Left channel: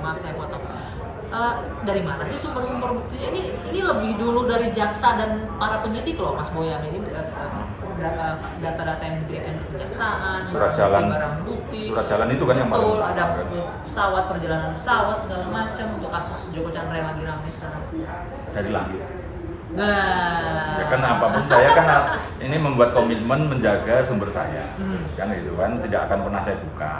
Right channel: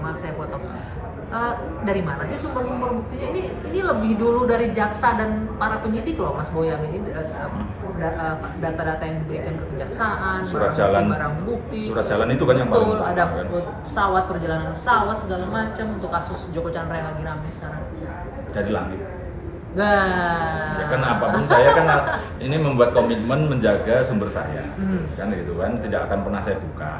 maaf saya potong. Dari mana sih sumber-sumber buktinya? Ini lebih dulu dari jaksa dan para penyidik loh, Mas Boyam. Ini data-data yang diberikan ke kejaksaan, surat jalan, barang bukti. Surat jalan itu kan yang paling betul, utama, ada kan? pesawat, perjalanan pesawat segala macam. Untuk kasus Joko Chandra yang lagi ramai sekarang. Jadi langit. Nah, Ya kan apapun saya kan ini membuat komitmen menjaga sumber saya, kan gitu kan, tidak akan pernah saya buka,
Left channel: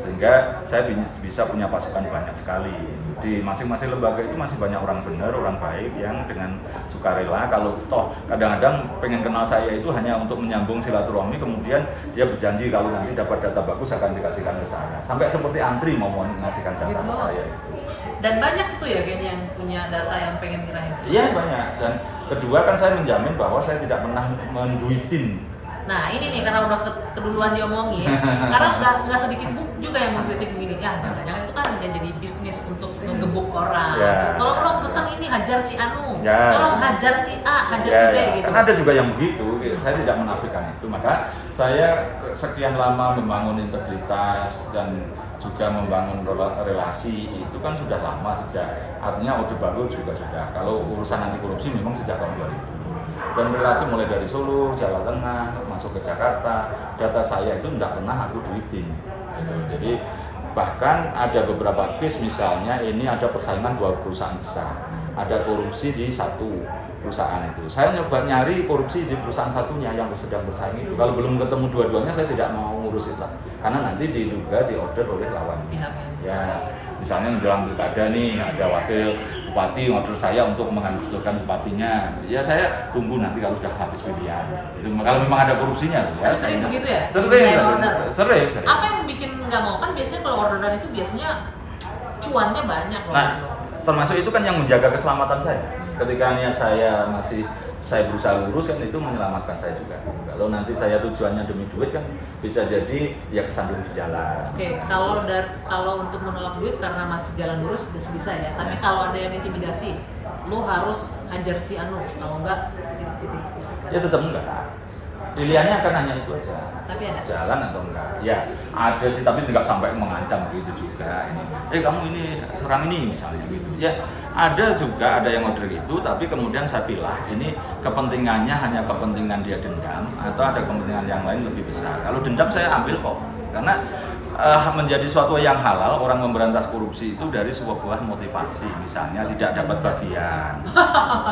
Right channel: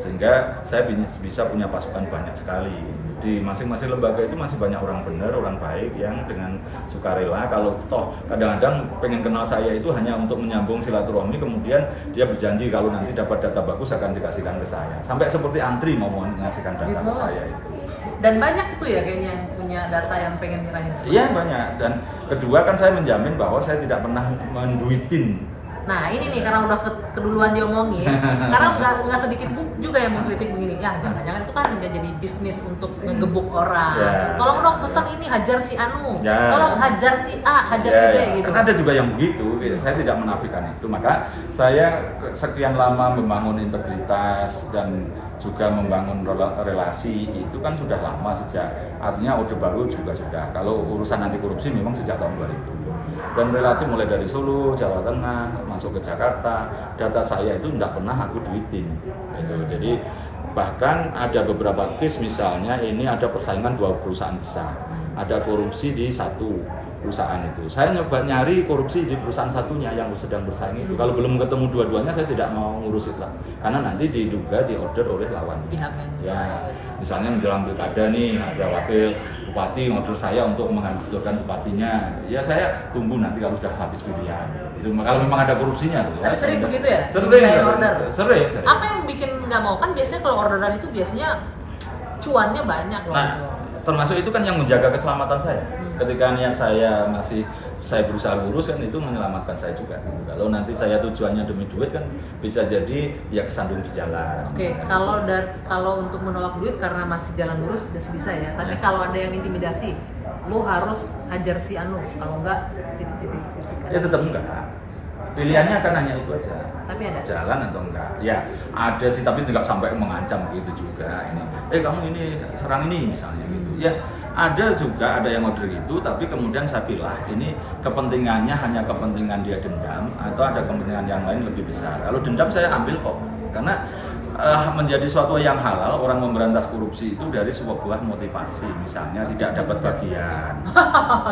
sehingga saya bisa punya pasukan banyak sekali di masing-masing lembaga. Itu masih banyak orang benar, orang baik yang dengan sukarela, kalau toh kadang-kadang pengen kenal saya itu hanya untuk menyambung silaturahmi, kemudian dia berjanji kalau nanti dapat data bagus akan dikasihkan ke saya, sampai seperti antri mau mengasihkan data ke saya itu. Dan banyak itu ya kayaknya yang punya data yang pengen nyerahin. Iya banyak. Dan kedua kan saya menjamin bahwa saya tidak pernah menduitin. Nah ini nih karena udah keduluan diomongin, karena nggak sedikit juga yang mengkritik begini, ya jangan-jangan itu kan jadi bisnis untuk ngegebuk orang. Ya. Tolong dong pesan ini hajar si Anu, Ya. tolong hajar si A, hajar Ya, si B ya. gitu. Kan ada juga yang begitu, saya tidak menafikan itu. Maka saya sekian lama membangun integritas dan juga membangun relasi itu kan sudah lama sejak, artinya Orde Baru juga sudah. Kalau urusan anti korupsi memang sejak tahun 2000. Dan relatif mulai dari Solo, Jawa Tengah, masuk ke Jakarta, data saya itu tidak pernah aku duitin. Gitu. Jadi bahkan ada beberapa case, misalnya ini ada persaingan 2 perusahaan besar, ada korupsi di satu perusahaan itu. Saya nyoba nyari korupsi di perusahaan satunya yang sedang bersaing itu. Kalau belum ketemu dua-duanya saya tidak mau ngurus itu lah, karena nanti diduga diorder oleh lawan. Ya, misalnya menjelang pilkada nih ada wakil bupati order saya untuk menghancurkan bupatinya. Ya saya tunggu nanti kalau sudah habis pilihan. Itu kalau memang ada korupsinya. Tapi sering begitu ya? Sering order. Sering. Apa yang bikin nggak mau? Kan biasanya kalau orderan itu biasanya cuannya banyak loh. Nah, termasuk itu kan yang menjaga keselamatan saya. Ketika niat saya saya berusaha lurus kan itu menyelamatkan saya juga. Kalau nanti saya tujuannya demi duit kan bisa jadi ya kesandung di jalan. Oke, kalau untuk menolak duit karena masih jalan lurus bisa ya. Tapi kalau ada yang intimidasi, lu harus hajar si Anu. Kalau enggak, titik. Ya tetap enggak. Pilihannya kan hanya itu aja. Tapi ada. Jalan atau enggak? Ya ada sih, tapi tidak sampai mengancam gitu juga. Kamu ini serang ini misalnya gitu. Ya ada juga, ada yang order itu, tapi kemudian saya pilih ini kepentingannya hanya kepentingan dia dendam atau ada kepentingan yang lain lebih besar. Kalau dendam saya ambil kok, karena menjadi suatu yang halal, orang memberantas korupsi itu dari sebuah motivasi, misalnya tidak dapat bagian.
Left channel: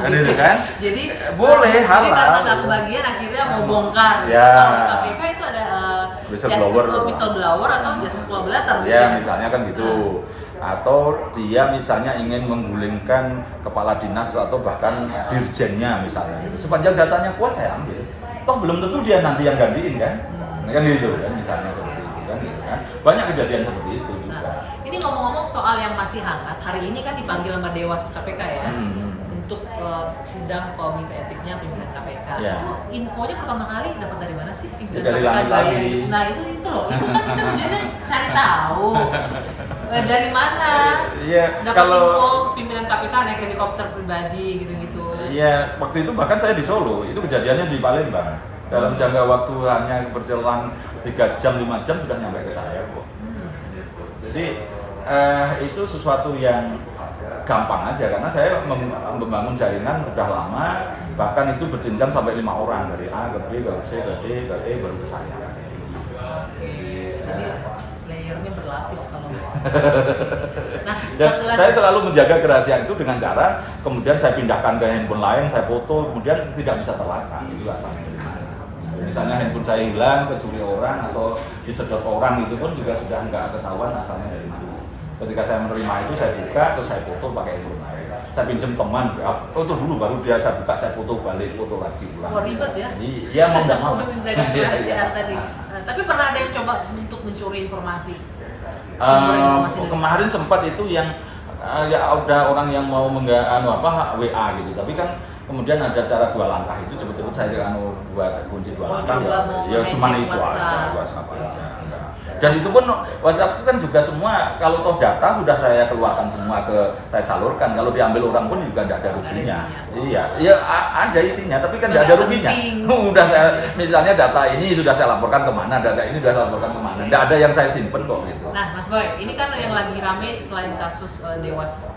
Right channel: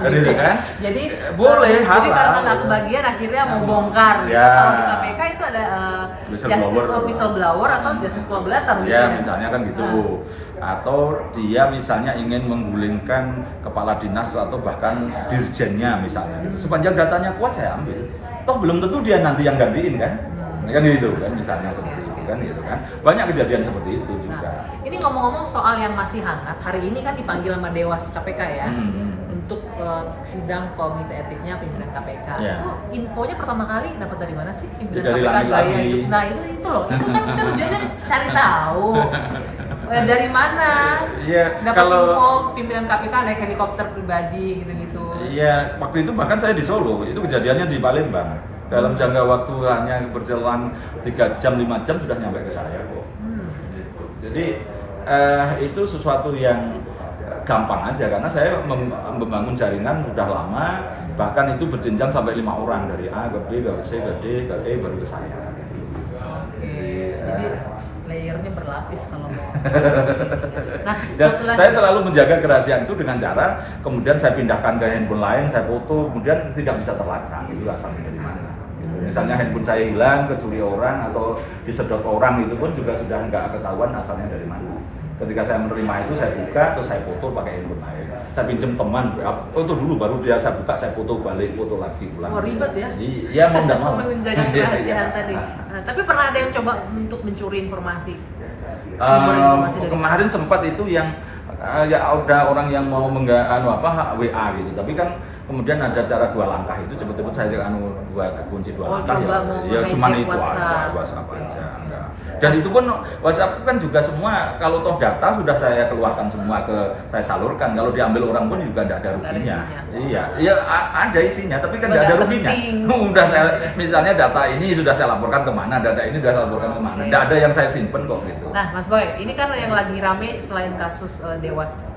Gitu kan? Jadi boleh halal. Jadi karena nggak kebagian akhirnya mau bongkar. Ya. Kalau di KPK itu ada whistleblower atau justice collaborator gitu. Ya misalnya kan gitu. Atau dia misalnya ingin menggulingkan kepala dinas atau bahkan dirjennya misalnya. Sepanjang datanya kuat saya ambil. Toh belum tentu dia nanti yang gantiin kan? Kan gitu kan, misalnya seperti itu kan gitu kan. Banyak kejadian seperti itu juga. Nah, ini ngomong-ngomong soal yang masih hangat, hari ini kan dipanggil sama Dewas KPK ya. Untuk sidang komite etiknya pimpinan KPK. Ya. Itu infonya pertama kali dapat dari mana sih pimpinan dari KPK gaya lagi. itu? Nah, itu loh. Itu kan kita tujuannya cari tahu. Dari mana? Iya, Dapat info pimpinan KPK naik helikopter pribadi gitu-gitu. Iya, waktu itu bahkan saya di Solo, itu kejadiannya di Palembang. Dalam jangka waktu hanya berjalan 3 jam, 5 jam sudah nyampe ke saya kok. Gitu. Jadi itu sesuatu yang gampang aja, karena saya membangun jaringan sudah lama, bahkan itu berjenjang sampai 5 orang, dari A ke B ke C ke D ke E baru ke saya. Jadi layernya berlapis kalau Nah, dan saya selalu menjaga kerahasiaan itu dengan cara kemudian saya pindahkan ke handphone lain, saya foto, kemudian tidak bisa terlacak itu asalnya dari mana. Misalnya handphone saya hilang, kecuri orang atau disedot orang, itu pun juga sudah nggak ketahuan asalnya dari mana. Ketika saya menerima itu saya buka, terus saya foto pakai handphone lain. Saya pinjam teman, foto dulu baru dia saya buka, saya foto balik, foto lagi ulang. Oh ribet ya? Iya mau nggak mau. Menjadi kerahasiaan tadi. Tapi pernah ada yang coba untuk mencuri informasi? Kemarin sempat itu yang ya ada orang yang mau WA gitu, tapi kan kemudian ada cara 2 langkah itu cepet-cepet saya buat kunci 2 langkah coba ya. mau Ya cuma ngecek itu aja, WhatsApp. WhatsApp aja. Enggak. Dan itu pun WhatsApp kan juga semua kalau toh data sudah saya keluarkan semua saya salurkan. Kalau diambil orang pun juga tidak ada ruginya. Iya, iya ada isinya, tapi kan tidak ada ruginya. Udah saya misalnya data ini sudah saya laporkan kemana, data ini sudah saya laporkan kemana. Tidak ada yang saya simpen kok gitu. Nah, Mas Boy, ini kan yang lagi rame selain kasus Dewas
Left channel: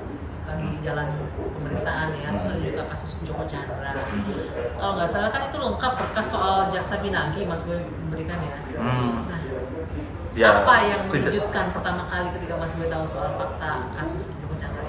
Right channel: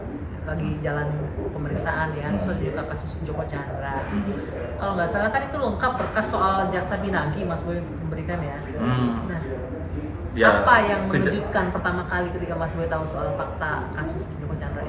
lagi jalan pemeriksaan ya, terus ada juga kasus Joko Chandra. Kalau nggak salah kan itu lengkap berkas soal Jaksa Pinangki Mas Boy memberikan ya. Nah, ya, apa yang mengejutkan pertama kali ketika Mas Boy tahu soal fakta kasus Joko Chandra